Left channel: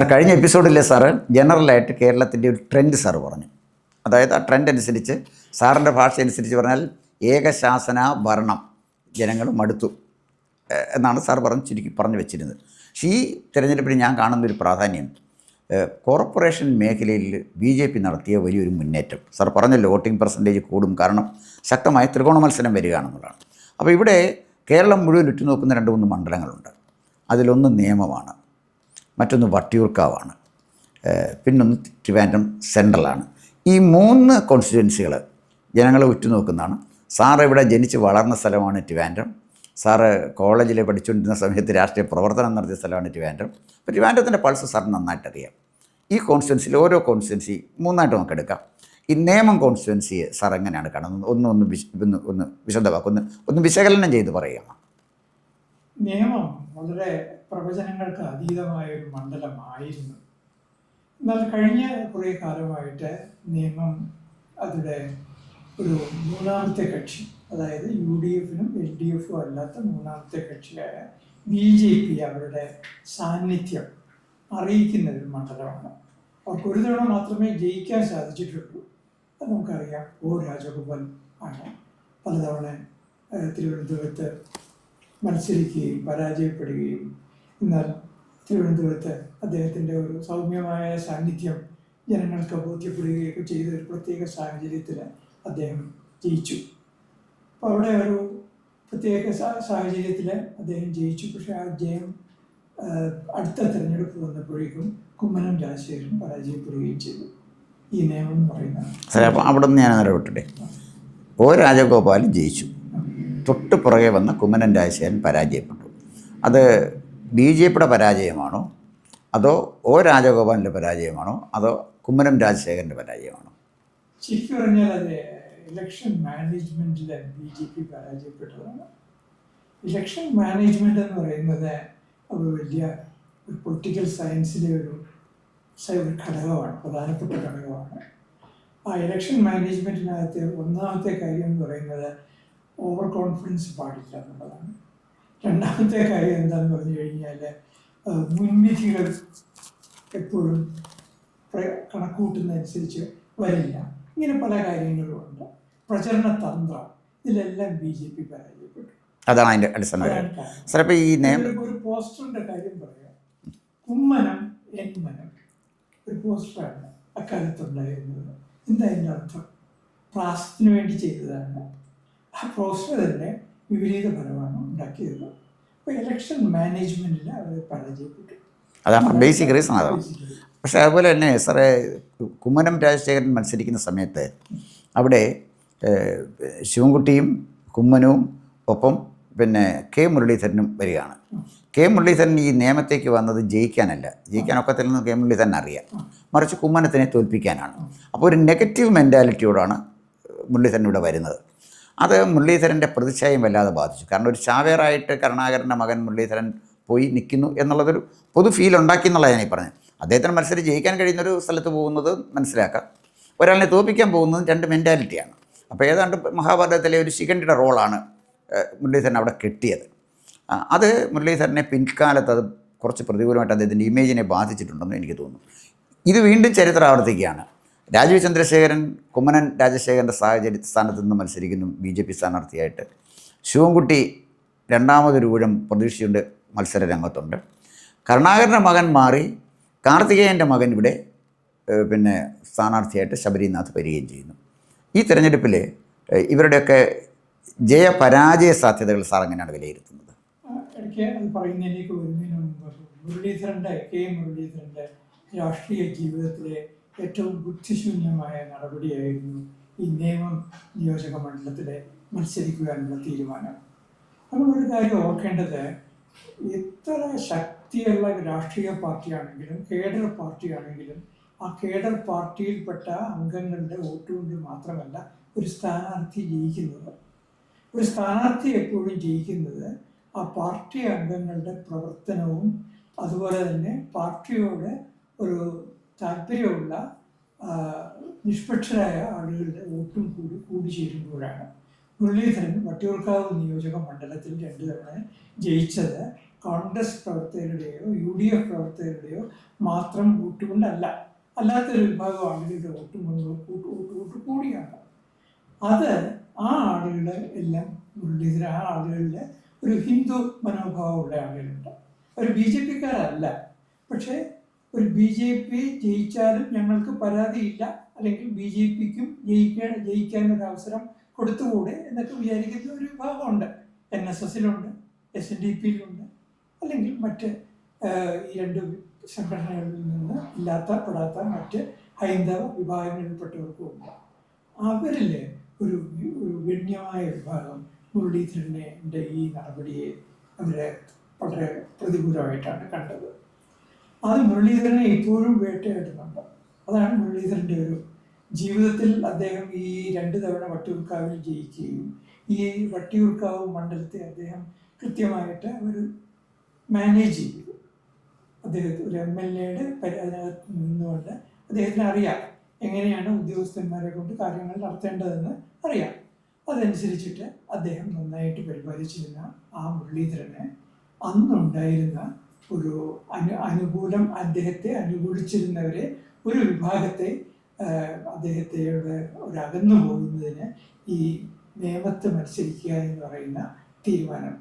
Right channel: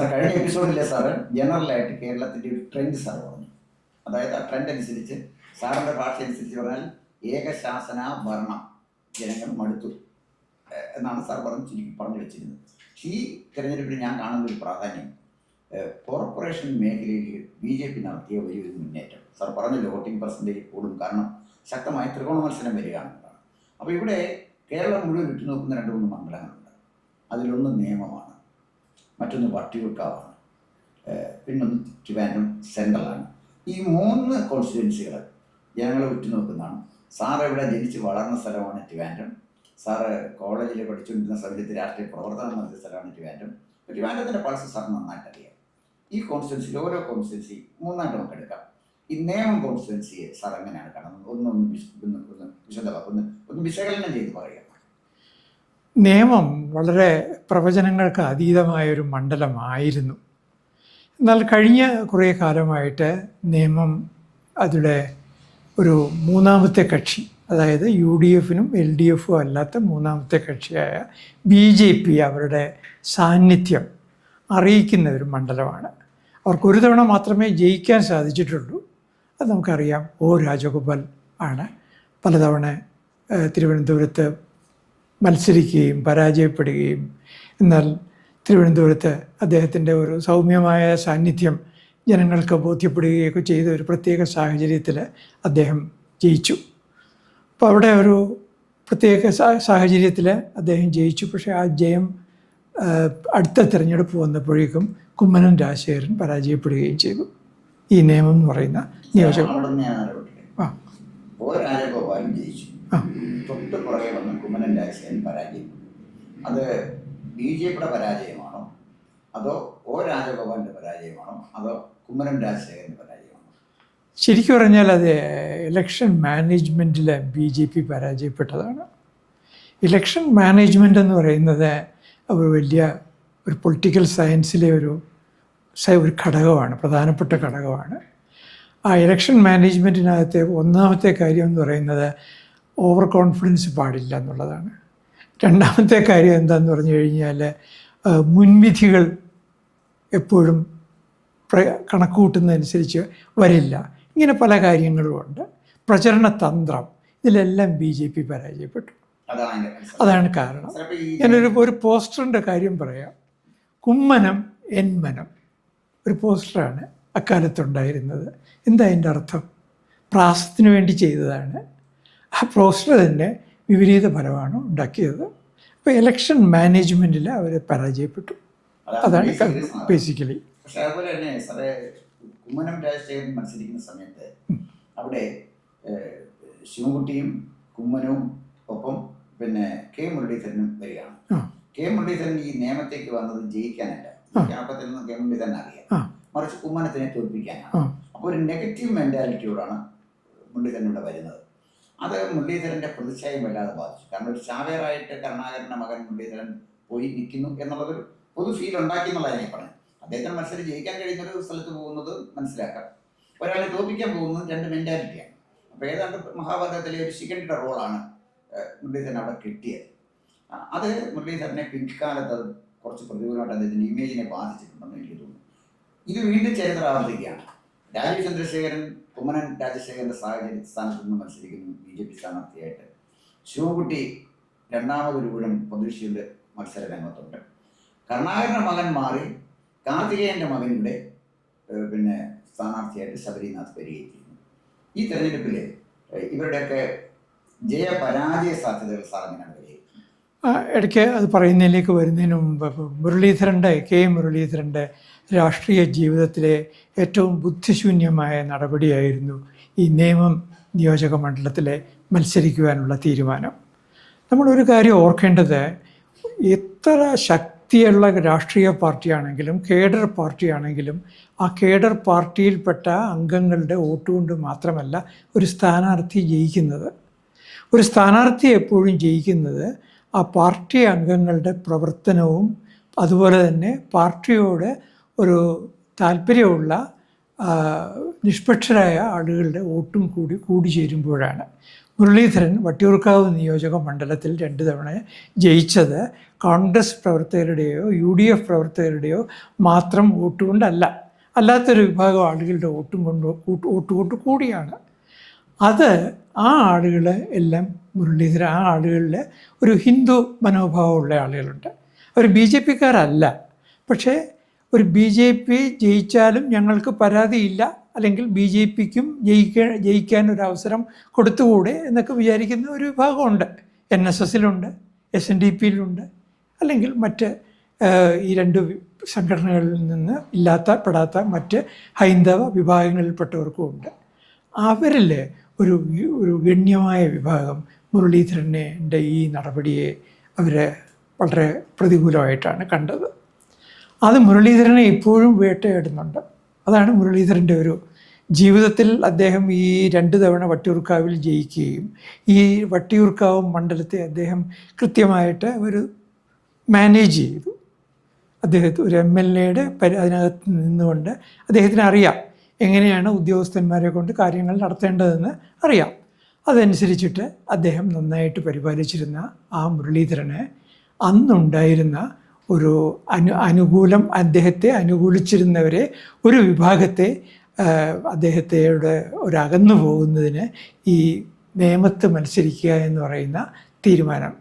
Sir കഴിഞ്ഞ എപ്പിസോഡിലെ sir ജനറലായിട്ട് കേരളത്തിൻ്റെ ഒരു ട്രെൻഡ് സാറ് പറഞ്ഞു. അതായത് ആ ട്രെൻഡ് അനുസരിച്ച് സാറിൻ്റെ ഭാഷ അനുസരിച്ച് പറഞ്ഞാൽ ഏകശാസന ഭരണം ജനങ്ങൾ മടുത്തു എന്നാണ് സാർ ചുരുക്കി പറഞ്ഞു വെച്ചിരുന്നത്. പക്ഷേ ഈ തിരഞ്ഞെടുപ്പിൽ ഞാൻ കാണുന്നൊരു പ്രാധാന്യം കോർപ്പറേഷൻ മേഖലയിൽ BJP നടത്തിയ വലിയൊരു മുന്നേറ്റം. സാർ പറഞ്ഞല്ലോ, വോട്ടിംഗ് പെർസെൻറ്റേജ് കൂടും, കാരണം ശക്തമായ ത്രികോണ മത്സരം വരികയാണെന്നുള്ളതാണ്. അപ്പോൾ ഇവിടെ കേരളം മുഴുവൻ ഉറ്റുനോക്കുന്ന 2-3 മണ്ഡലങ്ങളുണ്ട്. അതിലൊന്ന് നേമമാണ്, മറ്റൊന്ന് വട്ടിയൂർക്കാവാണ്, പിന്നൊന്ന് ട്രിവാൻഡ്രം സെൻട്രലാണ്. ഈ 3 കോൺസ്റ്റിറ്റ്യുവൻസികൾ ജനങ്ങളെ ഉറ്റുനോക്കുന്നതാണ്. സാറ് ഇവിടെ ജനിച്ച് വളർന്ന സ്ഥലമാണ് ട്രിവാൻഡ്രം. സാറ് കോളേജിൽ പഠിച്ചുകൊണ്ടിരുന്ന സമയത്ത് രാഷ്ട്രീയ പ്രവർത്തനം നടത്തിയ സ്ഥലമാണ് ട്രിവാൻഡ്രം. അപ്പോൾ ട്രിവാൻഡ്രത്തിൻ്റെ പൾസ് സാറിന് നന്നായിട്ടറിയാം. ഈ കോൺസ്റ്റിറ്റ്യുവൻസിയിൽ ഓരോ കോൺസ്റ്റിറ്റ്യുവൻസി 3ആയിട്ട് നമുക്ക് എടുക്കാം. ഈ നേമം കോൺസ്റ്റിറ്റ്യുവൻസിയെ സാർ എങ്ങനെയാണ് കാണുന്നത്? ഒന്ന് വിശദമാക്കി ഒന്ന് വിശകലനം ചെയ്ത് പറയുക. നിയമം വളരെ പ്രവചനങ്ങൾക്ക് അതീതമായൊരു മണ്ഡലമായിരുന്നു. എന്നാൽ കഴിഞ്ഞ കുറേ കാലമായിട്ട് നിയമം അതിൻ്റെ ഒരു മൂന്നാമത്തെ കക്ഷി, അതായത് UDFനും LDFും അല്ലാത്ത മൂന്നാമത്തെ കക്ഷിയായ BJP അവരുടെ സാന്നിധ്യം അറിയിക്കുന്ന ഒരു മണ്ഡലമാണ്. അവർക്കൊരു തവണ മാത്രമേ ജയിക്കാൻ സാധിച്ചിട്ടുള്ളൂ. അത് നമുക്കറിയാം. രാജഗോപാൽ ആണ് പലതവണ തിരുവനന്തപുരത്ത് മത്സരിക്കുകയും പരാജയപ്പെടുകയും, എന്നാൽ തിരുവനന്തപുരത്ത് അദ്ദേഹത്തിൻ്റെ ഒരു സൗമ്യമായ സാന്നിധ്യം ജനങ്ങൾക്ക് ബോധ്യപ്പെടുകയൊക്കെ ചെയ്ത ഒരു പ്രത്യേക സാഹചര്യത്തിൽ അദ്ദേഹം ജയിച്ചു. അപ്പോൾ അവിടെ ഒരു പ്രത്യേക സാഹചര്യത്തിൽ അദ്ദേഹം ജയിച്ചു. പക്ഷേ ആ ജയം അടുത്ത തിരഞ്ഞെടുപ്പ് വന്നപ്പോഴേക്കും കുമ്മനം രാജശേഖരൻ പരാജയപ്പെടുകയും ചെയ്തു. ഈ നിയമം എന്ന് പറയുന്ന അവിടെ നിന്ന് ഞാൻ ഇടപെട്ടെ. രാജഗോപാൽ ജയിച്ചു, തൊട്ട് പുറകെ വന്ന കുമ്മനം രാജശേഖരൻ പരാജയപ്പെട്ടു. അത് BJPയുടെ പരാജയമാണോ, അതോ രാജഗോപാലിൻ്റെ പരാജയമാണോ, അതോ കുമ്മനം രാജശേഖരൻ്റെ പരാജയമാണോ? ശരിക്കും പറഞ്ഞാൽ അത് ഇലക്ഷൻ മാനേജ്മെൻറ്റിൽ BJP പരാജയപ്പെട്ടതാണ്. ഇലക്ഷൻ മാനേജ്മെൻ്റ് എന്ന് പറയുന്നത് ഒരു വലിയ ഒരു പൊളിറ്റിക്കൽ സയൻസിലെ ഒരു ഘടകമാണ്, പ്രധാനപ്പെട്ട ഘടകമാണ്. ആ ഇലക്ഷൻ മാനേജ്മെൻറ്റിനകത്തെ ഒന്നാമത്തെ കാര്യം എന്ന് പറയുന്നത് ഓവർ കോൺഫിഡൻസ് പാടില്ല എന്നുള്ളതാണ്. രണ്ടാമത്തെ കാര്യം എന്താണെന്ന് പറഞ്ഞു കഴിഞ്ഞാൽ മുൻവിധികൾ എപ്പോഴും കണക്കുകൂട്ടുന്നതനുസരിച്ച് വരില്ല. ഇങ്ങനെ പല കാര്യങ്ങളുമുണ്ട്. പ്രചരണ തന്ത്രം, ഇതിലെല്ലാം BJP പരാജയപ്പെട്ടു. അതാണ് കാരണം. ഒരു പോസ്റ്ററിൻ്റെ കാര്യം പറയാം. കുമ്മനം എന്മനം ഒരു പോസ്റ്ററാണ് അക്കാലത്തുണ്ടായിരുന്നത്. എന്താ അതിൻ്റെ അർത്ഥം? പ്രാസത്തിന് വേണ്ടി ചെയ്തതാണ്. ആ പോസ്റ്റർ തന്നെ വിപരീത ഫലമാണ് ഉണ്ടാക്കിയത്. അപ്പോൾ ഇലക്ഷൻ മാനേജ്മെൻറ്റിൽ അവർ പരാജയപ്പെട്ടു. അതാണ് ബേസിക്കലി. പക്ഷേ അതുപോലെ തന്നെ സാറേ, കുമ്മനം രാജശേഖരൻ മത്സരിക്കുന്ന സമയത്ത് അവിടെ ശിവൻകുട്ടിയും കുമ്മനവും ഒപ്പം പിന്നെ K. മുരളീധരനും വരികയാണ്. K. മുരളീധരൻ ഈ നിയമത്തേക്ക് വന്നത് ജയിക്കാനല്ല, ജയിക്കാനൊക്കത്തില്ലെന്ന് K. മുരളീധരൻ അറിയാം, മറിച്ച് കുമ്മനത്തിനെ തോൽപ്പിക്കാനാണ്. അപ്പോൾ ഒരു നെഗറ്റീവ് മെൻറ്റാലിറ്റിയോടാണ് മുരളീധരൻ ഇവിടെ വരുന്നത്. അത് മുരളീധരൻ്റെ പ്രതിച്ഛായം വല്ലാതെ ബാധിച്ചു. കാരണം ഒരു ചാവേറായിട്ട് കരുണാകരൻ്റെ മകൻ മുരളീധരൻ പോയി നിൽക്കുന്നു എന്നുള്ളതൊരു പൊതു ഫീൽ ഉണ്ടാക്കി എന്നുള്ളതാണ് ഞാൻ ഈ പറഞ്ഞത്. അദ്ദേഹത്തിന് മത്സരം ജയിക്കാൻ കഴിയുന്നൊരു സ്ഥലത്ത് പോകുന്നത് മനസ്സിലാക്കാം, ഒരാളിനെ തോൽപ്പിക്കാൻ പോകുന്നത് 2 മെൻറ്റാലിറ്റിയാണ്. അപ്പോൾ ഏതാണ്ട് മഹാഭാരതത്തിലെ ഒരു ശിഖണ്ഡിയുടെ റോളാണ് മുരളീധരൻ അവിടെ കിട്ടിയത്. അത് മുരളീധരനെ പിൻകാലത്ത് അത് കുറച്ച് പ്രതികൂലമായിട്ട് അദ്ദേഹത്തിൻ്റെ ഇമേജിനെ ബാധിച്ചിട്ടുണ്ടെന്ന് എനിക്ക് തോന്നുന്നു. ഇത് വീണ്ടും ചരിത്രം ആവർത്തിക്കുകയാണ്. രാജീവ് ചന്ദ്രശേഖരൻ കുമ്മനം രാജശേഖരൻ്റെ സ്ഥാനത്ത് നിന്ന് മത്സരിക്കുന്നു BJP സ്ഥാനാർത്ഥിയായിട്ട്. ശിവൻകുട്ടി രണ്ടാമതൊരു ഊഴം പ്രതീക്ഷിച്ചുകൊണ്ട് മത്സര രംഗത്തുണ്ട്. കരുണാകരൻ്റെ മകൻ മാറി കാർത്തികേയൻ്റെ മകൻ ഇവിടെ പിന്നെ സ്ഥാനാർത്ഥിയായിട്ട് ശബരിനാഥ് വരികയും ചെയ്യുന്നു. ഈ തിരഞ്ഞെടുപ്പിൽ ഇവരുടെയൊക്കെ ജയപരാജയ സാധ്യതകൾ സാർ എങ്ങനെയാണ് വിലയിരുത്തുന്നത്? ഇടയ്ക്ക് അത് പറയുന്നതിലേക്ക് വരുന്നതിന് മുമ്പ് K. മുരളീധരൻ്റെ രാഷ്ട്രീയ ജീവിതത്തിലെ ഏറ്റവും ബുദ്ധിശൂന്യമായ നടപടിയായിരുന്നു ഈ നേമം നിയോജക മണ്ഡലത്തിലെ മത്സരിക്കുവാനുള്ള തീരുമാനം. നമ്മളൊരു കാര്യം ഓർക്കേണ്ടത്, എത്ര ശക്തിയുള്ള രാഷ്ട്രീയ പാർട്ടിയാണെങ്കിലും കേഡർ പാർട്ടിയാണെങ്കിലും ആ കേഡർ പാർട്ടിയിൽപ്പെട്ട അംഗങ്ങളുടെ വോട്ട് കൊണ്ട് മാത്രമല്ല ഒരു സ്ഥാനാർത്ഥി ജയിക്കുന്നത്. ഒരു സ്ഥാനാർത്ഥി എപ്പോഴും ജയിക്കുന്നത് ആ പാർട്ടി അംഗങ്ങളുടെ പ്രവർത്തനവും അതുപോലെ തന്നെ പാർട്ടിയോട് ഒരു താല്പര്യമുള്ള നിഷ്പക്ഷരായ ആളുകളുടെ വോട്ടും കൂടി ചേരുമ്പോഴാണ്. മുരളീധരൻ വട്ടിയൂർക്കാവ് നിയോജക മണ്ഡലത്തിൽ 2 തവണ ജയിച്ചത് കോൺഗ്രസ് പ്രവർത്തകരുടെയോ UDF പ്രവർത്തകരുടെയോ മാത്രം വോട്ട് കൊണ്ടല്ല, അല്ലാത്തൊരു വിഭാഗം ആളുകളുടെ വോട്ടും കൊണ്ട് കൂടിയാണ്. അത് ആ ആളുകൾ എല്ലാം മുരളീധരൻ, ആ ആളുകളിൽ ഒരു ഹിന്ദു മനോഭാവമുള്ള ആളുകളുണ്ട്. അവർ BJP ക്കാരല്ല. പക്ഷേ ഒരു BJP ജയിച്ചാലും ഞങ്ങൾക്ക് പരാതിയില്ല, അല്ലെങ്കിൽ BJP-ക്കും ജയിക്കാൻ ഒരു അവസരം കൊടുത്തുകൂടെ എന്നൊക്കെ വിചാരിക്കുന്ന ഒരു വിഭാഗമുണ്ട്. NSS-ലുണ്ട്, SNDP-യിലുണ്ട്, അല്ലെങ്കിൽ മറ്റ് ഈ രണ്ട് സംഘടനകളിൽ നിന്ന് പെടാത്ത മറ്റ് ഹൈന്ദവ വിഭാഗങ്ങളിൽപ്പെട്ടവർക്കും ഉണ്ട്. അവരിൽ ഒരു ഗണ്യമായ വിഭാഗം മുരളീധരൻ്റെ ഈ നടപടിയെ അവർ വളരെ പ്രതികൂലമായിട്ടാണ് കണ്ടത്. അത് മുരളീധരനെ ഇപ്പോഴും വേട്ടയാടുന്നുണ്ട്. അതാണ് മുരളീധരൻ്റെ ഒരു ജീവിതത്തിൽ. അദ്ദേഹം ഈ 2 തവണ വട്ടിയൂർക്കാവിൽ ജയിക്കുകയും ഈ വട്ടിയൂർക്കാവ് മണ്ഡലത്തെ അദ്ദേഹം കൃത്യമായിട്ട് ഒരു മാനേജ് ചെയ്തു. അദ്ദേഹത്തെ ഒരു MLA-യുടെ അതിനകത്ത് നിന്നുകൊണ്ട് അദ്ദേഹത്തിന് അറിയാം എങ്ങനെയാണ് ഉദ്യോഗസ്ഥന്മാരെ കൊണ്ട് കാര്യങ്ങൾ നടത്തേണ്ടതെന്ന് അറിയാം. അതനുസരിച്ചിട്ട് അദ്ദേഹം നന്നായിട്ട് പരിപാലിച്ചിരുന്ന ആ മുരളീധരന് അന്നുണ്ടായിരുന്ന ഒരു അദ്ദേഹത്തെ അനുകൂലിച്ചിരുന്നവരെ, ഒരു വിഭാഗത്തെ അദ്ദേഹത്തോട് ഒരകന്നു പോകുന്നതിന് ഈ നേമത്ത് മത്സരിക്കുക എന്ന് പറയുന്ന തീരുമാനം.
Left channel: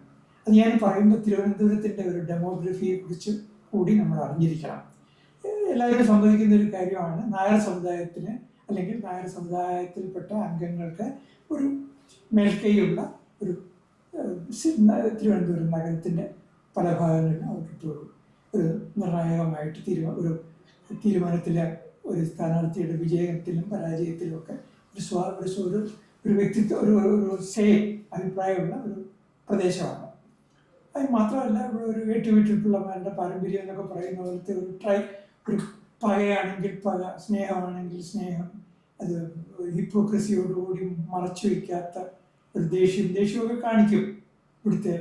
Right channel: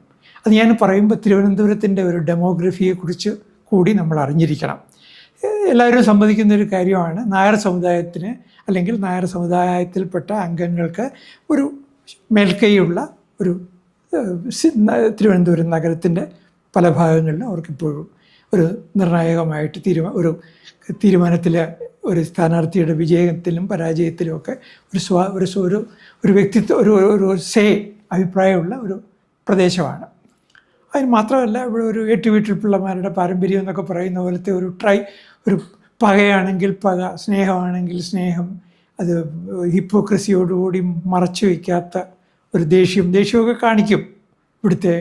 അത് ഞാൻ പറയുമ്പോൾ തിരുവനന്തപുരത്തിൻ്റെ ഒരു ഡെമോഗ്രഫിയെക്കുറിച്ച് കൂടി നമ്മൾ അറിഞ്ഞിരിക്കണം. എല്ലാവരും സമ്മതിക്കുന്നൊരു കാര്യമാണ്, നായർ സമുദായത്തിന് അല്ലെങ്കിൽ നായർ സമുദായത്തിൽപ്പെട്ട അംഗങ്ങൾക്ക് ഒരു മേൽക്കൈയുള്ള ഒരു തിരുവനന്തപുരം നഗരത്തിൻ്റെ പല ഭാഗങ്ങളിലും അവർക്കിപ്പോഴും ഒരു നിർണായകമായിട്ട് തീരുമാനത്തിൽ ഒരു സ്ഥാനാർത്ഥിയുടെ വിജയത്തിലും പരാജയത്തിലും ഒക്കെ ഒരു വ്യക്തിത്വം, ഒരു അഭിപ്രായമുള്ള ഒരു പ്രദേശമാണ്. അതിന് മാത്രമല്ല ഇവിടെ ഒരു ഏറ്റുവീട്ടിൽ പിള്ളമാരുടെ പാരമ്പര്യം എന്നൊക്കെ പറയുന്ന പോലത്തെ ഒരു പകയാണെങ്കിൽ പക, സ്നേഹമാണെങ്കിൽ സ്നേഹം, അത് ഹിപ്പോക്രസിയോടുകൂടി മറച്ചു വയ്ക്കാത്ത ഒരു ദേഷ്യമൊക്കെ കാണിക്കും ഇവിടുത്തെ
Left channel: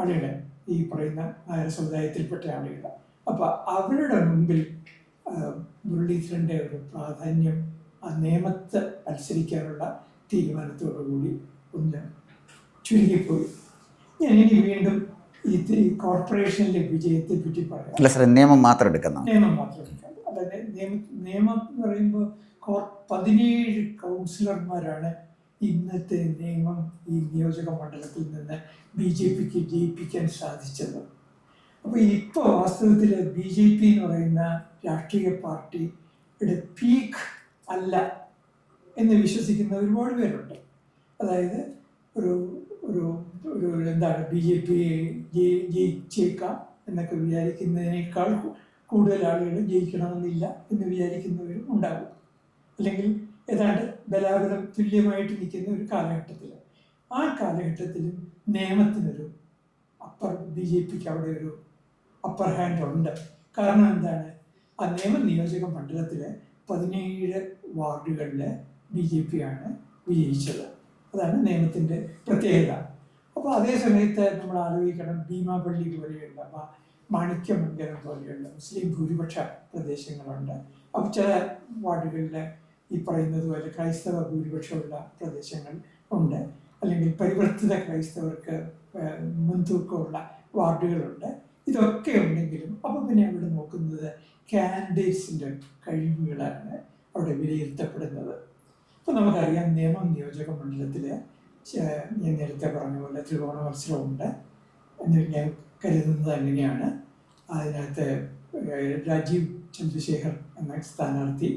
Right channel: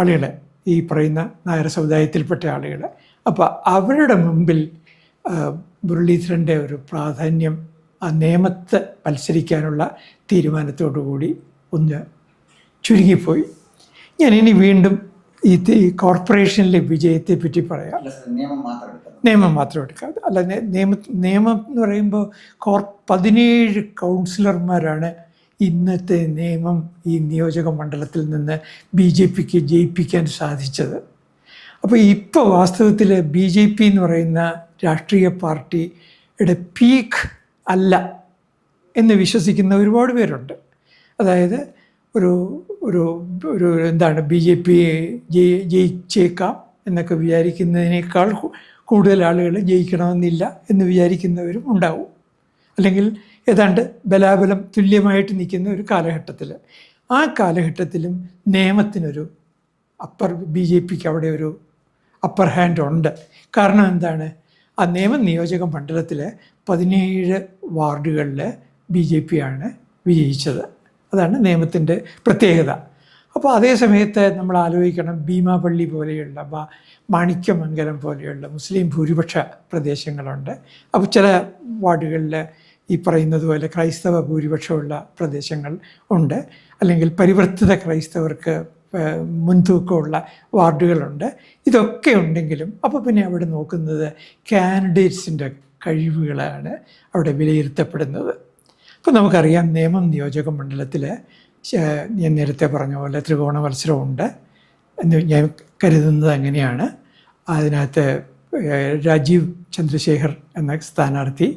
ആളുകളെ, ഈ പറയുന്ന നായർ സമുദായത്തിൽപ്പെട്ട ആളുകളെ. അപ്പോൾ അവരുടെ മുമ്പിൽ മുരളീധരൻ്റെ ഒരു പ്രാധാന്യം ആ നേമത്ത് മത്സരിക്കാനുള്ള തീരുമാനത്തോടുകൂടി ഒന്ന് ചുരുങ്ങിപ്പോയി. ഞാനിനി വീണ്ടും ഈ കോർപ്പറേഷനിലെ വിജയത്തെ പറ്റി പറയാം. അല്ല സാർ, നിയമം മാത്രം എടുക്കാം. അല്ല, നിയമം എന്ന് പറയുമ്പോൾ 17 കൗൺസിലർമാരാണ് ഇന്നത്തെ നിയമം ഈ നിയോജക മണ്ഡലത്തിൽ നിന്ന് BJP-ക്ക് ജയിപ്പിക്കാൻ സാധിച്ചത്. അപ്പോൾ ഇപ്പോൾ വാസ്തവത്തിൽ BJP എന്ന് പറയുന്ന രാഷ്ട്രീയ പാർട്ടിയുടെ പീക്ക് അല്ല എന്ന് വിശ്വസിക്കുന്ന ഒരുപാട് പേരുണ്ട്. അതായത് എന്താണ് BJP ജയിച്ചേക്കാം എന്നൊക്കെ വിചാരിക്കുന്നതിനേക്കാൾ കൂടുതൽ ആളുകൾ ജയിക്കണമെന്നില്ല എന്ന് വിചാരിക്കുന്നവരും ഉണ്ടാവും. അല്ലെങ്കിൽ ഏതാണ്ട് ബലാബലം തുല്യമായിട്ട് നിൽക്കുന്ന ഒരു കാലഘട്ടത്തിൽ, ആ കാലഘട്ടത്തിലും നിയമത്തിനൊരു BJP-ക്ക് അവിടെ ഒരു അപ്പർ ഹാൻഡ് ഉണ്ട്. കാരണം എന്താണ്, ആ നിയോജക മണ്ഡലത്തിൽ 17 വാർഡുകളിൽ BJP-ആണ് വിജയിച്ചത്. അതാണ് നിയമത്തിൻ്റെ പ്രത്യേകത. അപ്പോൾ അതേ സമയത്ത് നമ്മൾ ആലോചിക്കണം, ഭീമാപള്ളി പോലെയുള്ള മാണിക്യമംഗലം പോലെയുള്ള മുസ്ലിം ഭൂരിപക്ഷ പ്രദേശങ്ങളുണ്ട്. അപ്പോൾ ചില വാർഡുകളിൽ ഈ പറയുന്നത് പോലെ ക്രൈസ്തവ ഭൂരിപക്ഷമുള്ള പ്രദേശങ്ങൾ ഉണ്ട്, അല്ലെങ്കിൽ പരിവർത്തിത ക്രൈസ്തവർക്ക് മുൻതൂക്കമുള്ള വാർഡുകളുണ്ട്. ഇതൊക്കെ ഉണ്ടെങ്കിലും അപ്പോൾ പിന്നെ അവിടെ നോക്കുന്നത് കാൻഡിഡേറ്റ്സിൻ്റെ കഴിവുകളാണ് അവിടെ വിലയിരുത്തപ്പെടുന്നത്. അപ്പോൾ നമുക്കറിയാം, നേമം നിയോജക മണ്ഡലത്തിൽ ഞാൻ നേരത്തെ പറഞ്ഞ പോലെ ത്രികോണ മത്സരമുണ്ട് എന്ന് ഞാൻ കരുതുന്നത് അങ്ങനെയാണ്. അതിനകത്ത് രാജീവ് ചന്ദ്രശേഖർ എന്ന സ്ഥാനാർത്ഥി,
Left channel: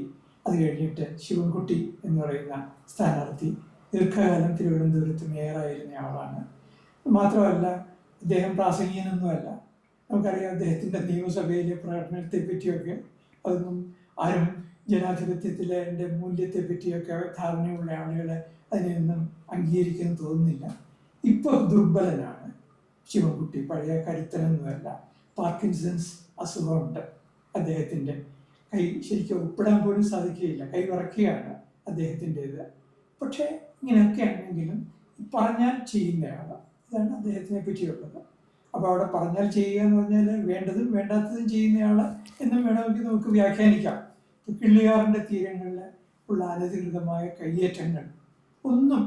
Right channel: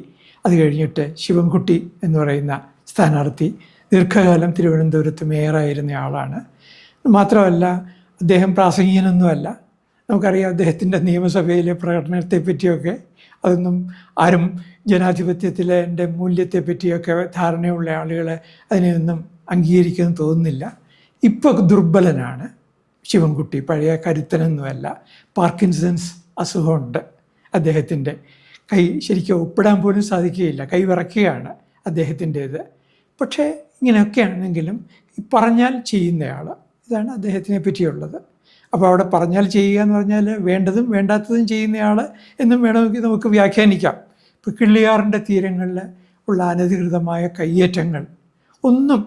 അത് കഴിഞ്ഞിട്ട് ശിവൻകുട്ടി എന്ന് പറയുന്ന സ്ഥാനാർത്ഥി ദീർഘകാലം തിരുവനന്തപുരത്ത് മേയറായിരുന്ന ആളാണ്. മാത്രമല്ല അദ്ദേഹം പ്രാസംഗികനൊന്നുമല്ല. നമുക്കറിയാം അദ്ദേഹത്തിൻ്റെ നിയമസഭയിലെ പ്രകടനത്തെ പറ്റിയൊക്കെ, അതൊന്നും ആരും ജനാധിപത്യത്തിലെ എൻ്റെ മൂല്യത്തെ പറ്റിയൊക്കെ ധാരണയുള്ള ആളുകൾ അതിനെയൊന്നും അംഗീകരിക്കുമെന്ന് തോന്നുന്നില്ല. ഇപ്പോൾ ദുർബലനാണ് ശിവൻകുട്ടി, പഴയ കരുത്തനൊന്നുമല്ല. പാർക്കിൻസൺസ് അസുഖമുണ്ട് അദ്ദേഹത്തിൻ്റെ. കൈ ശരിക്കും ഒപ്പിടാൻ പോലും സാധിക്കുകയില്ല, കൈ വിറയ്ക്കുകയാണ് അദ്ദേഹത്തിൻ്റേത്. പക്ഷേ ഇങ്ങനെയൊക്കെയാണെങ്കിലും പറഞ്ഞാൽ ചെയ്യുന്നയാൾ, ഇതാണ് അദ്ദേഹത്തിനെ പറ്റിയുള്ളത്. അപ്പോൾ അവിടെ പറഞ്ഞാൽ ചെയ്യുക എന്ന് പറഞ്ഞാൽ വേണ്ടതും വേണ്ടാത്തതും ചെയ്യുന്നയാൾ എന്നും വേണമെങ്കിൽ നമുക്ക് വ്യാഖ്യാനിക്കാം. ഇപ്പോൾ കിള്ളിയാറിൻ്റെ തീരങ്ങളിൽ ഉള്ള അനധികൃതമായ കയ്യേറ്റങ്ങൾ ഒന്നും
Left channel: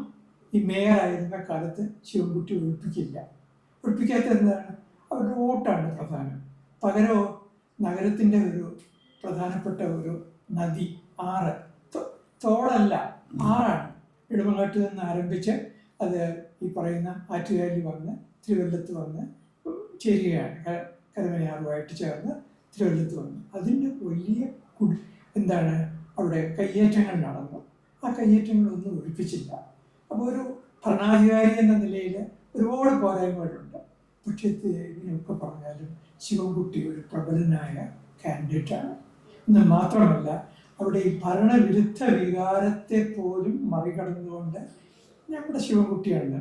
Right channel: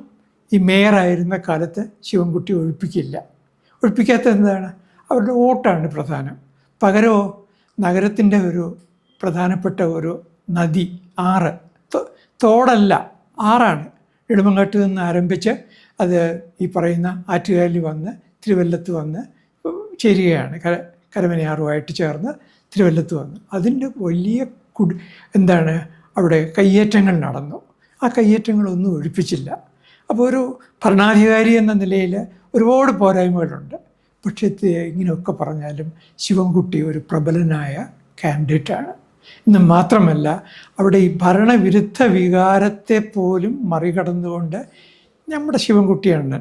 ഈ മേയറായിരുന്ന കാലത്ത് ശിവൻകുട്ടി ഒഴിപ്പിക്കാത്തത് എന്താണ്? അവരുടെ വോട്ടാണ് പ്രധാനം. പകരമോ നഗരത്തിൻ്റെ ഒരു പ്രധാനപ്പെട്ട ഒരു നദി, ആറ്, തോടല്ല, ആറാണ്. നെടുമങ്ങാട്ട് നിന്ന് ആരംഭിച്ച് അത് ഈ പറയുന്ന ആറ്റുകാലിൽ വന്ന് തിരുവല്ലത്ത് വന്ന് ചേരുകയാണ്. കരമനയാറുമായിട്ട് ചേർന്ന് തിരുവല്ലത്ത് വന്നു. അതിൻ്റെ വലിയ അവിടെ കയ്യേറ്റങ്ങൾ നടന്നു. ആ കയ്യേറ്റങ്ങളൊന്നും ഒഴിപ്പിച്ചില്ല. അപ്പോൾ ഒരു ഭരണാധികാരി എന്ന നിലയിൽ ഒരുപാട് പോരായ്മകളുണ്ട്. പക്ഷേ ഇങ്ങനെയൊക്കെ പറഞ്ഞാലും ശിവൻകുട്ടി ഒരു പ്രബലനായ കാൻഡിഡേറ്റാണ്. എന്ന് മാത്രമല്ല, അവിടെ ഈ ഭരണവിരുദ്ധ വികാരത്തെ പോലും മറികടന്നുകൊണ്ട് നമ്മുടെ ശിവൻകുട്ടിയാണ്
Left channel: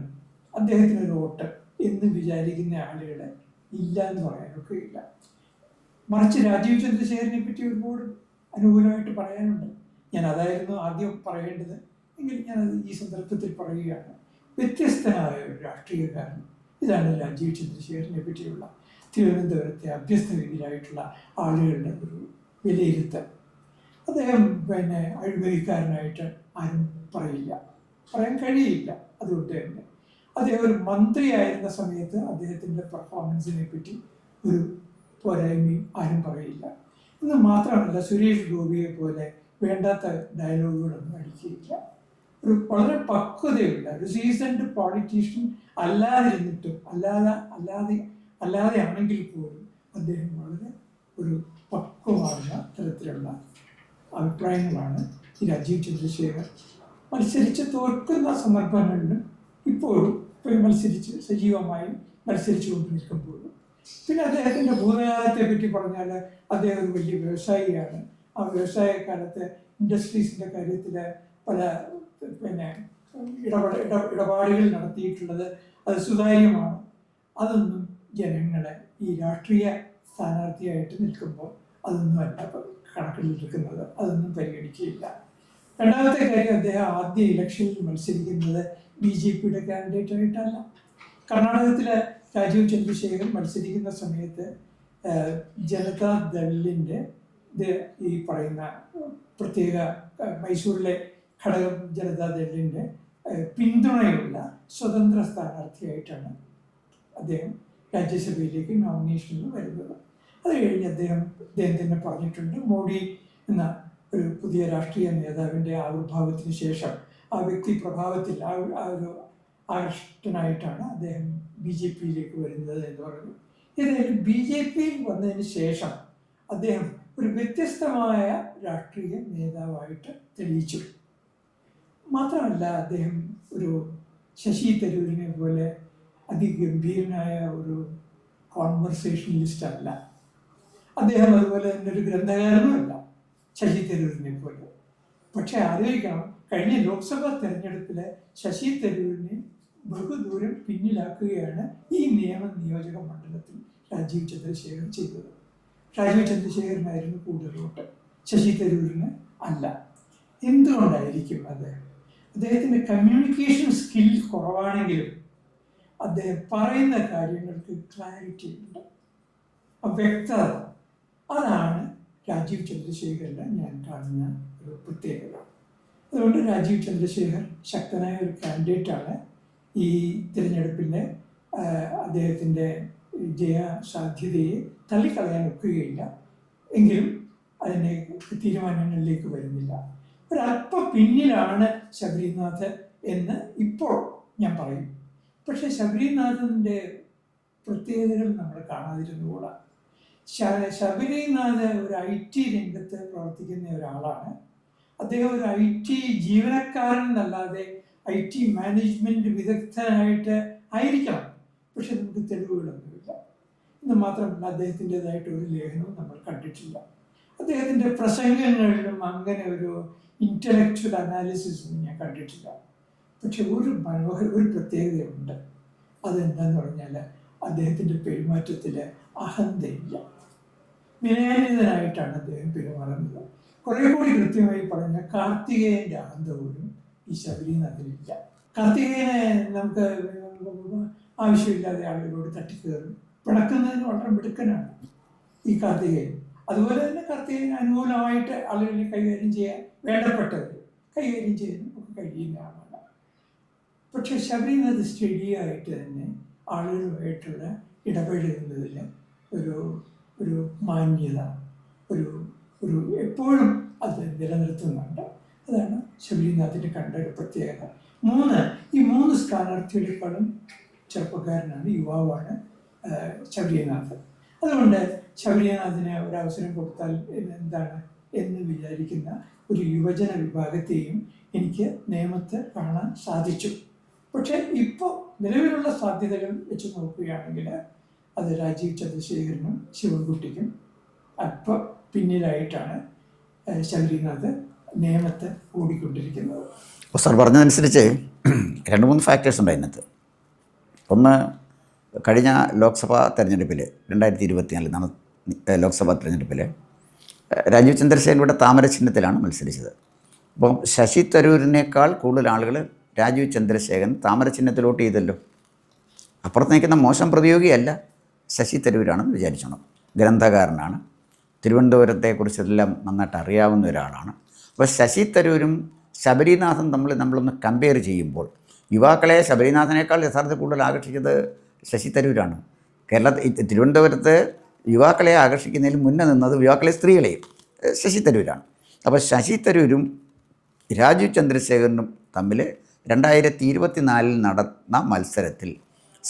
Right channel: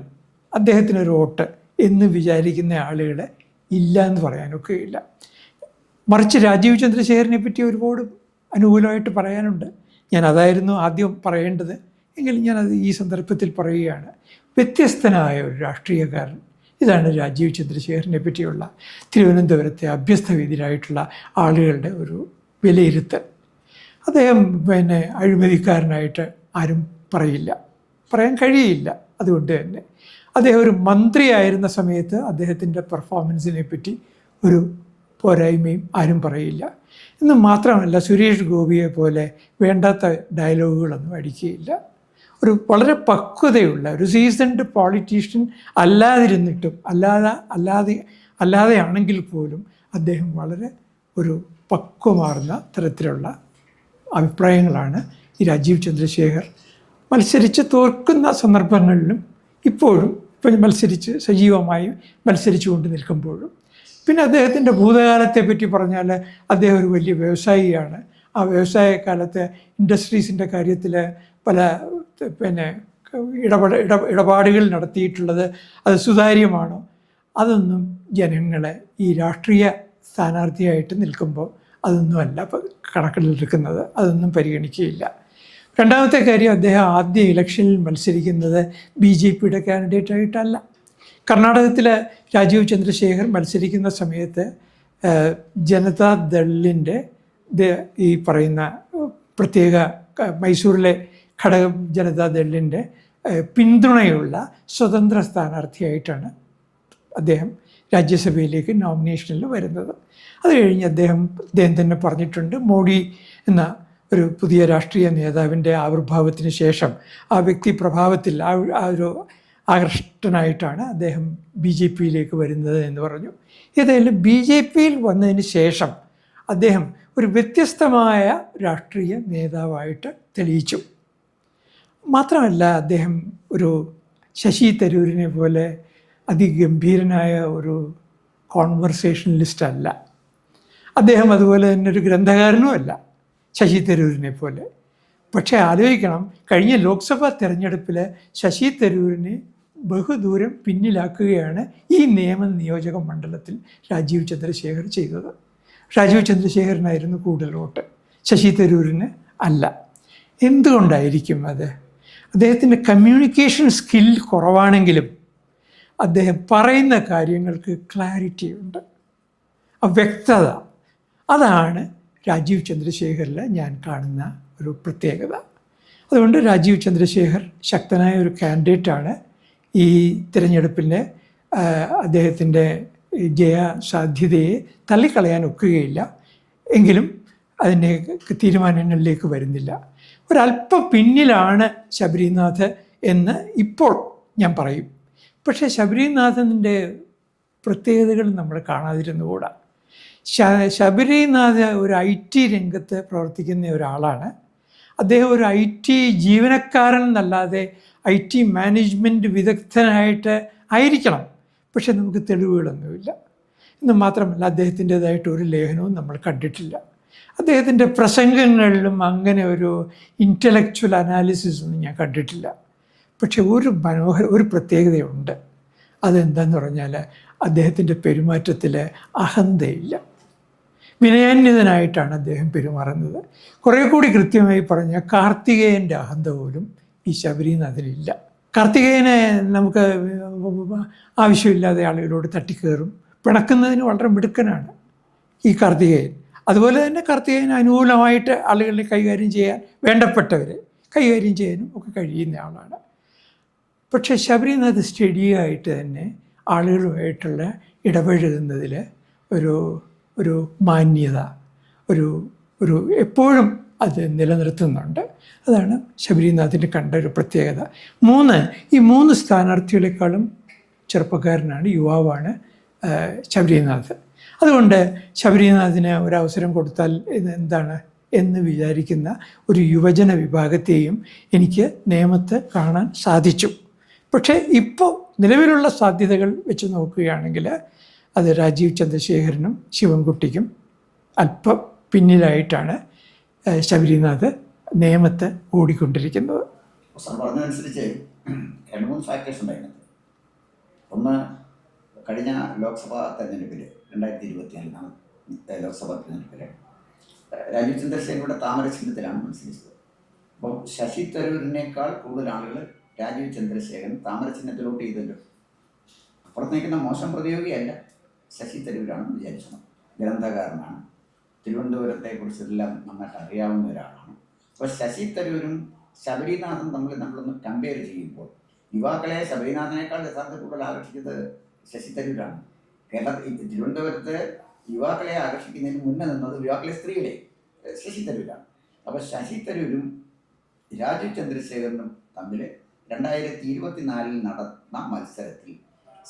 അദ്ദേഹത്തിനൊരു വോട്ട് എന്ന് വിചാരിക്കുന്ന ആളുകൾ ഇല്ല എന്ന് പറയാനൊക്കെയില്ല. മറിച്ച് രാജീവ് ചന്ദ്രശേഖരനെ പറ്റി ഒരുപാട് അനുകൂലമായിട്ട് പറയാനുണ്ട്. ഞാൻ അതായിരുന്നു ആദ്യം പറയേണ്ടത്, എങ്കിലും ഞാനത് ഈ സന്ദർഭത്തിൽ പറയുകയാണ്. വ്യത്യസ്തനായ ഒരു രാഷ്ട്രീയക്കാരൻ, ഇതാണ് രാജീവ് ചന്ദ്രശേഖരനെ പറ്റിയുള്ള തിരുവനന്തപുരത്തെ അഭ്യസ്തവിദ്യരായിട്ടുള്ള ആളുകളുടെ ഒരു വിലയിരുത്തൽ. അദ്ദേഹം അഴിമതിക്കാരനായിട്ട് ആരും പറയാൻ കഴിയില്ല. അതുകൊണ്ട് തന്നെ അദ്ദേഹം ഒരു മന്ത്രിയായിരുന്ന സമയത്ത് അദ്ദേഹത്തിൻ്റെ പെർഫോമൻസിനെ പറ്റി ഒരു പോരായ്മയും ആരും പറയില്ല. എന്ന് മാത്രമല്ല, സുരേഷ് ഗോപിയെ പോലെ വേണ്ടാത്ത ഡയലോഗുകളൊന്നും അടിക്കുകയില്ല. ഒരു വളരെ പക്വതയുള്ള ഒരു സീസൺഡ് പോളിറ്റീഷ്യൻ അല്ലാതിരുന്നിട്ടും അല്ലാതെയാണെങ്കിൽ പോലും അദ്ദേഹം വളരെ ഒരു പക്വമാർന്ന തരത്തിലുള്ള അഭിപ്രായങ്ങളാണ് ഈ രാജീവ് ചന്ദ്രശേഖർ മത്സരിച്ച് തോൽക്കുന്ന സന്ദർഭങ്ങളിലും ഇപ്പോഴും മത്സരിച്ച് സജീവമായി മത്സരിച്ചുകൊണ്ട് നിൽക്കുമ്പോഴും. പിന്നെ അദ്ദേഹത്തിൻ്റെ ഭൂതകാലത്തെ പറ്റി പറഞ്ഞാൽ അദ്ദേഹം ഒരു വലിയ വ്യവസായിയാണ്. ആ വ്യവസായ കാലത്ത് ഇൻഡസ്ട്രീസിൻ്റെ കാര്യത്തിൽ പല ഇടപാടുകൾ നടത്തിയിട്ടുള്ളത് അത് സുതാര്യമാണോ, അതൊന്നും ജനങ്ങളെ ഈ രാഷ്ട്രീയ സ്ഥാനാർത്ഥിയായിട്ട് നിൽക്കുമ്പോൾ അതൊന്നുമല്ല കണക്കിലെടുക്കുന്നത്, അതൊന്നും പരിഗണിക്കുകയില്ല. രണ്ടാമത്തെ കാര്യം, അദ്ദേഹം ആദ്യ ഇലക്ഷനിൽ മത്സരിക്കുന്നത് BJPയുടെ കാൻഡിഡേറ്റായിട്ടല്ല. കർണാടകത്തിൽ രാജീവ് ചന്ദ്രശേഖർ മത്സരിക്കുന്ന സമയത്ത് ജനതാദളിൻ്റെ ഈ പറയുന്ന പ്രത്യേക മൈസൂരിലെ ഘടകം ജനതാദളിൻ്റെ പിന്തുണയുള്ള സ്വതന്ത്ര സ്ഥാനാർത്ഥിയായിട്ടാണ് അദ്ദേഹം രാജ്യസഭയിലേക്ക് നോമിനേഷനിൽ വരുന്നത്. അത് കഴിഞ്ഞ് അദ്ദേഹം തന്നെ പറഞ്ഞിട്ടുണ്ട്, മോഡി എന്ന ഒരു പുതിയ രാഷ്ട്രീയ നേതാവിൻ്റെ ആവിർഭാവത്തിന് ശേഷം ആ വ്യക്തി പ്രഭാവത്തിൽ ആ ഒരു ആകൃഷ്ടനായിട്ടാണ് അദ്ദേഹം BJPയിലേക്ക് വരുന്നത് എന്ന് പറഞ്ഞു. ഏതായാലും BJPയിൽ വന്നതിന് ശേഷം അദ്ദേഹം ഒരു വ്യത്യസ്തമായ രാഷ്ട്രീയ നേതാവായിട്ട് തെളിയിച്ചു. മാത്രമല്ല, അദ്ദേഹം ഒരു ശശി തരൂരിനെ പോലെ അതിഗംഭീരനായ ഒരു കോൺവെർസേഷണലിസ്റ്റ് അല്ല. അദ്ദേഹം അതുപോലെ തന്നെ ഒരു ഗ്രന്ഥകാരനുമല്ല ശശി തരൂരിനെ പോലെ. പക്ഷേ ആലോചിക്കണം, കഴിഞ്ഞ ലോക്സഭാ തെരഞ്ഞെടുപ്പിൽ ശശി തരൂരിനെ ബഹുദൂരം പിന്നിലാക്കുകയാണ് ഈ നിയോജക മണ്ഡലത്തിൽ രാജീവ് ചന്ദ്രശേഖർ ചെയ്തത്. രാജീവ് ചന്ദ്രശേഖരനായിരുന്നു കൂടുതൽ വോട്ട്, ശശി തരൂരിന് അല്ല. എന്തുകൊണ്ടായിരിക്കും അത്? അദ്ദേഹത്തിൻ്റെ കമ്മ്യൂണിക്കേഷൻ സ്കിൽ കുറവാണെങ്കിലും അദ്ദേഹം പറയുന്ന കാര്യങ്ങൾക്ക് ക്ലാരിറ്റി ഉണ്ട്, വ്യക്തത. അതാണ് രാജീവ് ചന്ദ്രശേഖറിൽ ഞാൻ കാണുന്ന ഒരു പ്രത്യേകത. അതുകൊണ്ട് രാജീവ് ചന്ദ്രശേഖർ ശക്തനായ ഒരു കാൻഡിഡേറ്റാണ്. ഈ തിരഞ്ഞെടുപ്പിൻ്റെ അദ്ദേഹത്തിൻ്റെ ജയസാധ്യതയെ തള്ളിക്കളയാൻ ഒക്കുകയില്ല. എങ്കിലും അതിൻ്റെ തീരുമാനങ്ങളിലേക്ക് വരുന്നില്ല. ഒരല്പം പിന്നിലാണ് ശബരിനാഥ് എന്ന് ഇപ്പോൾ ഞാൻ പറയും. പക്ഷേ ശബരിനാഥൻ്റെ പ്രത്യേകതകൾ നമ്മൾ കാണാതിരുന്നുകൂടാ. ശബരിനാഥ് ഒരു IT രംഗത്ത് പ്രവർത്തിക്കുന്ന ഒരാളാണ്. അദ്ദേഹം ഒരു IT ജീവനക്കാരൻ എന്നല്ലാതെ IT മാനേജ്മെൻറ്റ് വിദഗ്ധനായിട്ട് ആയിരിക്കണം. പക്ഷെ നമുക്ക് തെളിവുകളൊന്നുമില്ല. എന്ന് മാത്രമല്ല, അദ്ദേഹത്തിൻ്റേതായിട്ട് ഒരു ലേഖനവും നമ്മൾ കണ്ടിട്ടില്ല. അദ്ദേഹത്തിൻ്റെ പ്രസംഗങ്ങളിലും അങ്ങനെ ഒരു ഇൻ്റലക്ച്വൽ അനാലിസിസൊന്നും ഞാൻ കണ്ടിട്ടില്ല. പക്ഷെ ഒരു പ്രത്യേകതയുണ്ട്. അതെന്താന്ന് പറഞ്ഞാൽ, അദ്ദേഹത്തിൻ്റെ പെരുമാറ്റത്തിൽ അഹന്തയില്ല. വിനയാന്വിതനായിട്ടാണ് അദ്ദേഹം പെരുമാറുന്നത്. കുറേ കൂടി കൃത്യമായി പറഞ്ഞാൽ കാർത്തികേയൻ്റെ അഹന്ത പോലും ഈ ശബരിനാഥനില്ല. കാർത്തികേയനെ നമുക്ക് ആവശ്യമില്ലാതെ ആളുകളോട് തട്ടിക്കയറും, പിണക്കുന്നതിന് വളരെ മിടുക്കനാണ് ഈ കാർത്തികേയൻ. അതുപോലെ തന്നെ കാർത്തികേയന് അനുകൂലമായിട്ട് ആളുകളെ കൈകാര്യം ചെയ്യാൻ, വേണ്ടപ്പെട്ടവരെ കൈകാര്യം ചെയ്യാനും ഒക്കെ കഴിയുന്ന ആളാണ്. പക്ഷേ ശബരിനാഥ് സ്റ്റഡിയായിട്ട് തന്നെ ആളുകളുമായിട്ടുള്ള ഇടപഴകുന്നതിൽ ഒരു മാന്യത, ഒരു എപ്പോഴും അത് നിലനിർത്തുന്നുണ്ട്. അതാണ് ശബരിനാഥിന് കണ്ട ഒരു പ്രത്യേകത. 3 ഈ 3 സ്ഥാനാർത്ഥികളെക്കാളും ചെറുപ്പക്കാരനാണ്, യുവാവാണ് ശബരിനാഥ്. അതുകൊണ്ട് ശബരിനാഥിന് ഒരവസരം കൊടുത്താൽ എന്താണ് എന്ന് വിചാരിക്കുന്ന ഒരു യുവജന വിഭാഗത്തെയും എനിക്ക് നേമത്ത് കാണാൻ സാധിച്ചു. പക്ഷേ ഇപ്പോൾ നിലവിലുള്ള സാധ്യതകൾ വെച്ച് നോക്കുകയാണെങ്കിൽ അത് രാജീവ് ചന്ദ്രശേഖരനും ശിവൻകുട്ടിക്കും അല്പം പിന്നിലായിട്ടാണ് ശബരിനാഥ് നേമത്ത് ഓടിക്കൊണ്ടിരിക്കുന്നത്. സാർ പറഞ്ഞതനുസരിച്ച് 2-3 ഫാക്ടേഴ്സ് ഉണ്ട് അതിനകത്ത്. ഒന്ന്, കഴിഞ്ഞ ലോക്സഭാ തെരഞ്ഞെടുപ്പിൽ 2024 ലോക്സഭാ തെരഞ്ഞെടുപ്പിൽ രാജീവ് ചന്ദ്രശേഖരൻ താമര ചിഹ്നത്തിലാണ് മത്സരിച്ചത്. അപ്പം ശശി തരൂരിനേക്കാൾ കൂടുതൽ ആളുകൾ രാജീവ് ചന്ദ്രശേഖരൻ താമര ചിഹ്നത്തിൽ വോട്ട് ചെയ്തല്ലോ. അപ്പുറത്ത് നിൽക്കുന്ന മോശം പ്രതിയോഗിയല്ല, ശശി തരൂരാണെന്ന് വിചാരിച്ചോണം. ഗ്രന്ഥകാരനാണ്, തിരുവനന്തപുരത്തെക്കുറിച്ചെല്ലാം നന്നായിട്ട് അറിയാവുന്ന ഒരാളാണ്. അപ്പോൾ ശശി തരൂരും ശബരിനാഥും നമ്മളൊന്ന് കമ്പയർ ചെയ്യുമ്പോൾ യുവാക്കളെ ശബരിനാഥനേക്കാൾ യഥാർത്ഥത്തിൽ കൂടുതൽ ആകർഷിച്ചത് ശശി തരൂരാണ്. തിരുവനന്തപുരത്ത് യുവാക്കളെ ആകർഷിക്കുന്നതിൽ മുന്നേ നിന്നത് യുവാക്കളെ സ്ത്രീകളെയും ശശി തരൂരാണ്. അപ്പോൾ ശശി തരൂരും രാജീവ് ചന്ദ്രശേഖരനും തമ്മിൽ 2024 നടന്ന മത്സരത്തിൽ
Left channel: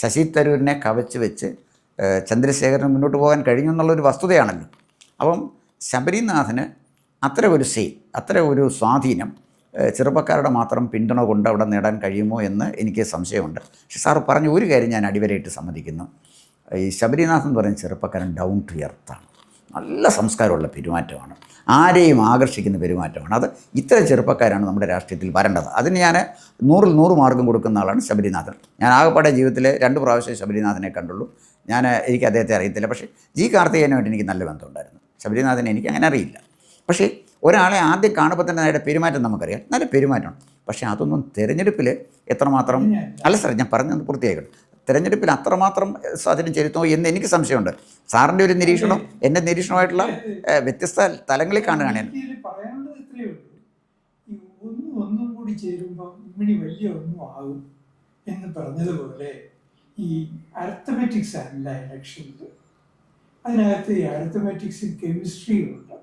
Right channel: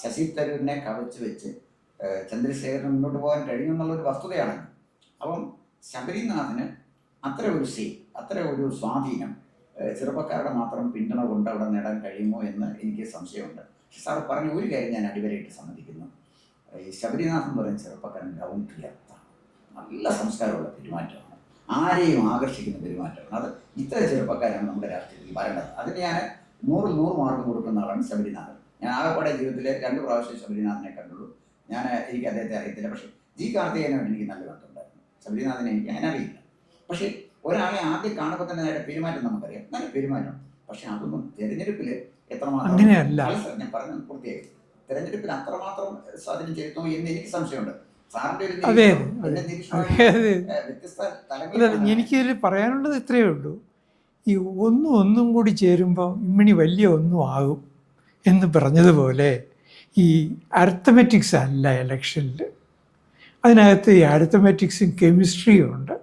ശശി തരൂരിനെ കവച്ച് വെച്ച് ചന്ദ്രശേഖരന് മുന്നോട്ട് പോകാൻ കഴിഞ്ഞു എന്നുള്ളൊരു വസ്തുതയാണല്ലോ. അപ്പം ശബരിനാഥന് അത്ര ഒരു സ്വാധീനം ചെറുപ്പക്കാരുടെ മാത്രം പിന്തുണ കൊണ്ട് അവിടെ നേടാൻ കഴിയുമോ എന്ന് എനിക്ക് സംശയമുണ്ട്. പക്ഷേ സാറ് പറഞ്ഞ ഒരു കാര്യം ഞാൻ അടിവരയിട്ട് സമ്മതിക്കുന്നു. ഈ ശബരിനാഥൻ എന്ന് പറയുന്ന ചെറുപ്പക്കാരൻ ഡൗൺ ടു എർത്താണ്, നല്ല സംസ്കാരമുള്ള പെരുമാറ്റമാണ്, ആരെയും ആകർഷിക്കുന്ന പെരുമാറ്റമാണ്. അത് ഇത്തരം ചെറുപ്പക്കാരാണ് നമ്മുടെ രാഷ്ട്രീയത്തിൽ വരേണ്ടത്. അതിന് ഞാൻ 100-ൽ 100 മാർക്കും കൊടുക്കുന്ന ആളാണ് ശബരിനാഥൻ. ഞാൻ ആകപ്പാടെ ജീവിതത്തിൽ 2 പ്രാവശ്യം ശബരിനാഥനെ കണ്ടുള്ളൂ. എനിക്ക് അദ്ദേഹത്തെ അറിയത്തില്ല. പക്ഷേ ജി കാർത്തികേയനുമായിട്ട് എനിക്ക് നല്ല ബന്ധമുണ്ടായിരുന്നു. ശബരിനാഥനെ എനിക്ക് അങ്ങനെ അറിയില്ല. പക്ഷേ ഒരാളെ ആദ്യം കാണുമ്പോൾ തന്നെ അയാളുടെ പെരുമാറ്റം നമുക്കറിയാം, നല്ല പെരുമാറ്റമാണ്. പക്ഷേ അതൊന്നും തിരഞ്ഞെടുപ്പിൽ എത്രമാത്രം അല്ല സാർ, ഞാൻ പറഞ്ഞത് പൂർത്തിയാക്കണം. തിരഞ്ഞെടുപ്പിൽ അത്രമാത്രം സ്വാധീനം ചെലുത്തുമോ എന്ന് എനിക്ക് സംശയമുണ്ട്. സാറിൻ്റെ ഒരു നിരീക്ഷണം എൻ്റെ നിരീക്ഷണമായിട്ടുള്ള വ്യത്യസ്ത തലങ്ങളിൽ കാണുകയാണ്. എനിക്കിതിൽ പറയാനുള്ളത് ഇത്രയേ ഉള്ളൂ. ഈ ഒന്നും കൂടി ചേരുമ്പോൾ ഇമ്മിണി വലിയ ഒന്നും ആകും എന്ന് പറഞ്ഞതുപോലെ ഈ അരിത്തമെറ്റിക്സ് അല്ല ഇലക്ഷനിൽ. അതിനകത്ത് ഈ അരിത്തമെറ്റിക്സും കെമിസ്ട്രിയും ഉണ്ട്.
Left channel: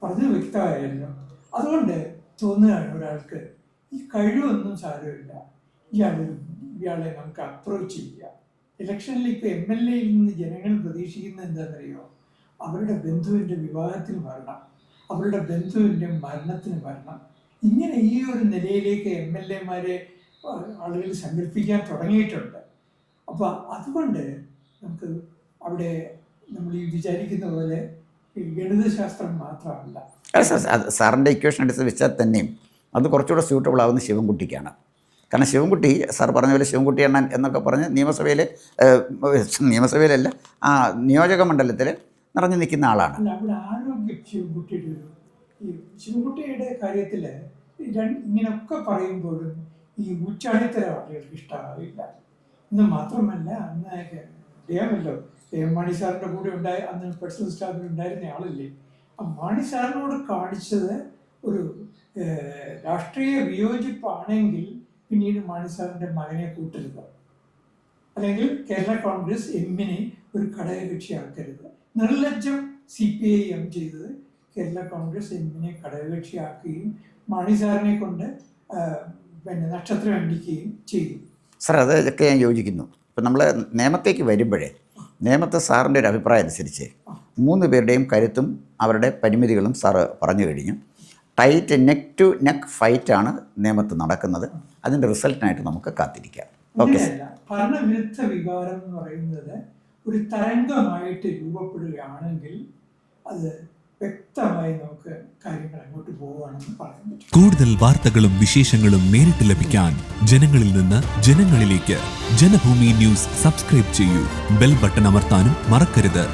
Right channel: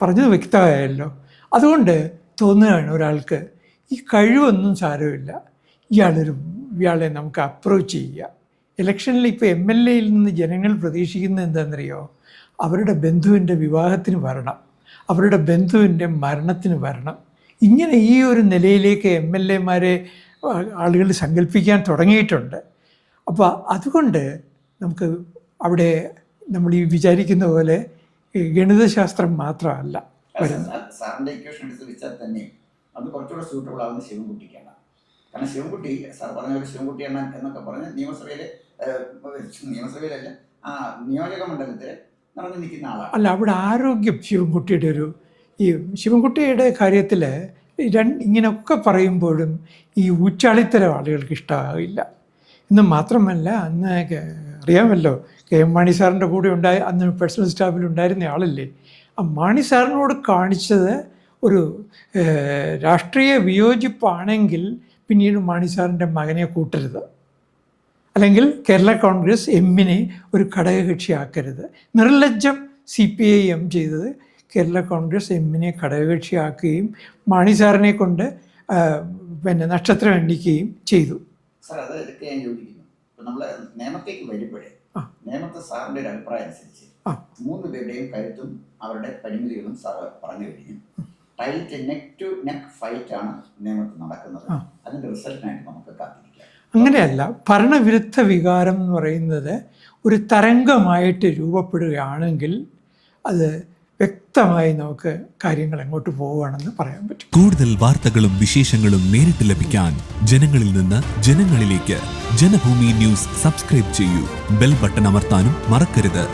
പറഞ്ഞത് വ്യക്തമായല്ലോ. അതുകൊണ്ട് തോന്നുകയാണ് ഒരാൾക്ക് ഈ കഴിവൊന്നും സാരമില്ല, ഇയാളെ നമുക്ക് അപ്രോച്ച് ചെയ്യുക. ഇലക്ഷനിൽ ഇപ്പോൾ MLAയിൽ നിന്ന് ജനങ്ങൾ പ്രതീക്ഷിക്കുന്നത് എന്താണെന്നറിയോ? അവരുടെ ബന്ധുവിൻ്റെ വിവാഹത്തിന് വരണം, അവരുടെ ബന്ധുവിൻ്റെ മരണത്തിന് വരണം. ഇങ്ങനെ ഈ ഒരു നിലയിലേക്ക് MLAമാരെ ആളുകൾ സങ്കല്പിക്കാൻ തുടങ്ങിയിട്ടുണ്ട്. അപ്പോൾ അതുകൊണ്ട് നമുക്ക് അവിടെ നമ്മൾ ഈ വിചാരിക്കുന്ന പോലെ ഗണിതശാസ്ത്രം മാത്രമല്ല. സാറിൻ്റെ ഇക്വേഷൻ എടുത്ത് വെച്ചാൽ തന്നെയും അത് കുറച്ചുകൂടെ സ്യൂട്ടബിൾ ആവുന്ന ശിവൻകുട്ടിക്കാണ്. കാരണം ശിവൻകുട്ടി സാർ പറഞ്ഞ പോലെ ശിവൻകുട്ടി എണ്ണൻ എന്നൊക്കെ പറഞ്ഞ് നിയമസഭയിലല്ല ആ നിയോജക മണ്ഡലത്തിൽ നിറഞ്ഞു നിൽക്കുന്ന ആളാണ്. അല്ല, അവിടെ ആരോഗ്യം ഈ ശിവൻകുട്ടിയുടെ കാര്യത്തിൽ ഇങ്ങനെയൊക്കെ പറയുമ്പോഴും ഈ ഊച്ചാളിത്തരം ആളുകൾക്ക് ഇഷ്ടമാകില്ല. എന്ന് മാത്രമല്ല, അന്ന് അറിയാമല്ലോ, KM മാണി സാറിൻ്റെ കൂടെ അന്ന് പേഴ്സണൽ സ്റ്റാഫിൽ ഉണ്ടായിരുന്ന ആളല്ലേ. ആ മാണി സാറിനോട് കാണിച്ചത് ഒരു രാഷ്ട്രീയ വിയോജിപ്പാണെങ്കിൽ പിന്നീട് മാണി സാറിൻ്റെ മകനെ കൂട്ടരുത്, അല്ലെങ്കിൽ കോൺഗ്രസ് എമ്മിനെ ഒരു ഘടകകക്ഷിയാക്കരുത്. നിർലജ്ജം CPIM ചെയ്തത് കോൺഗ്രസ് എമ്മിനെ ഘടകകക്ഷിയാക്കുകയും മാണി സാറിനെ കൊണ്ട് നക്ഷത്രം എണ്ണിക്കുകയും ചെയ്തു. സാർ അതൊക്കെ ഞാൻ യോജിക്കുന്നു. ഇപ്പം നമ്മൾ നിയമത്തേക്ക് വരുമ്പോഴേ നിയമത്തെ സാറിൻ്റെ ഒരു അഭിപ്രായം അനുസരിച്ച് 3 പേരുടെയും കരുത്തും അവരുടെ പരിമിതികളും സാറ് പറഞ്ഞു കഴിഞ്ഞു. ടൈറ്റ് നെക്ക് ടു നെക്ക് ഫൈറ്റാണ് നിയമത്ത് നടക്കുന്നത്. അതിൻ്റെ റിസൾട്ടിനായിട്ട് നമുക്ക് കാത്തിരിക്കാം. അങ്ങനെയല്ല, ഭരണവിരുദ്ധ വികാരം എന്ന് പറയുന്നത് ഒരു തരംഗമായിട്ട് രൂപപ്പെടുകയാണെങ്കിൽ അത് വ്യക്തമായി നമുക്ക് കാര്യങ്ങൾ എങ്ങോട്ട് പോവുകയാണെന്ന് പറയാൻ പറ്റും. കൂടുതൽ വാർത്തകളും വിശേഷങ്ങളും നേരിട്ട് ലഭിക്കാൻ ജനങ്ങളിൽ നിന്ന് ജനങ്ങളിലേക്ക് ജനഭൂമി ന്യൂസ് സബ്സ്ക്രൈബ് ചെയ്യൂ. ബെൽ ബട്ടൺ അമർത്താനും മറക്കരുത്.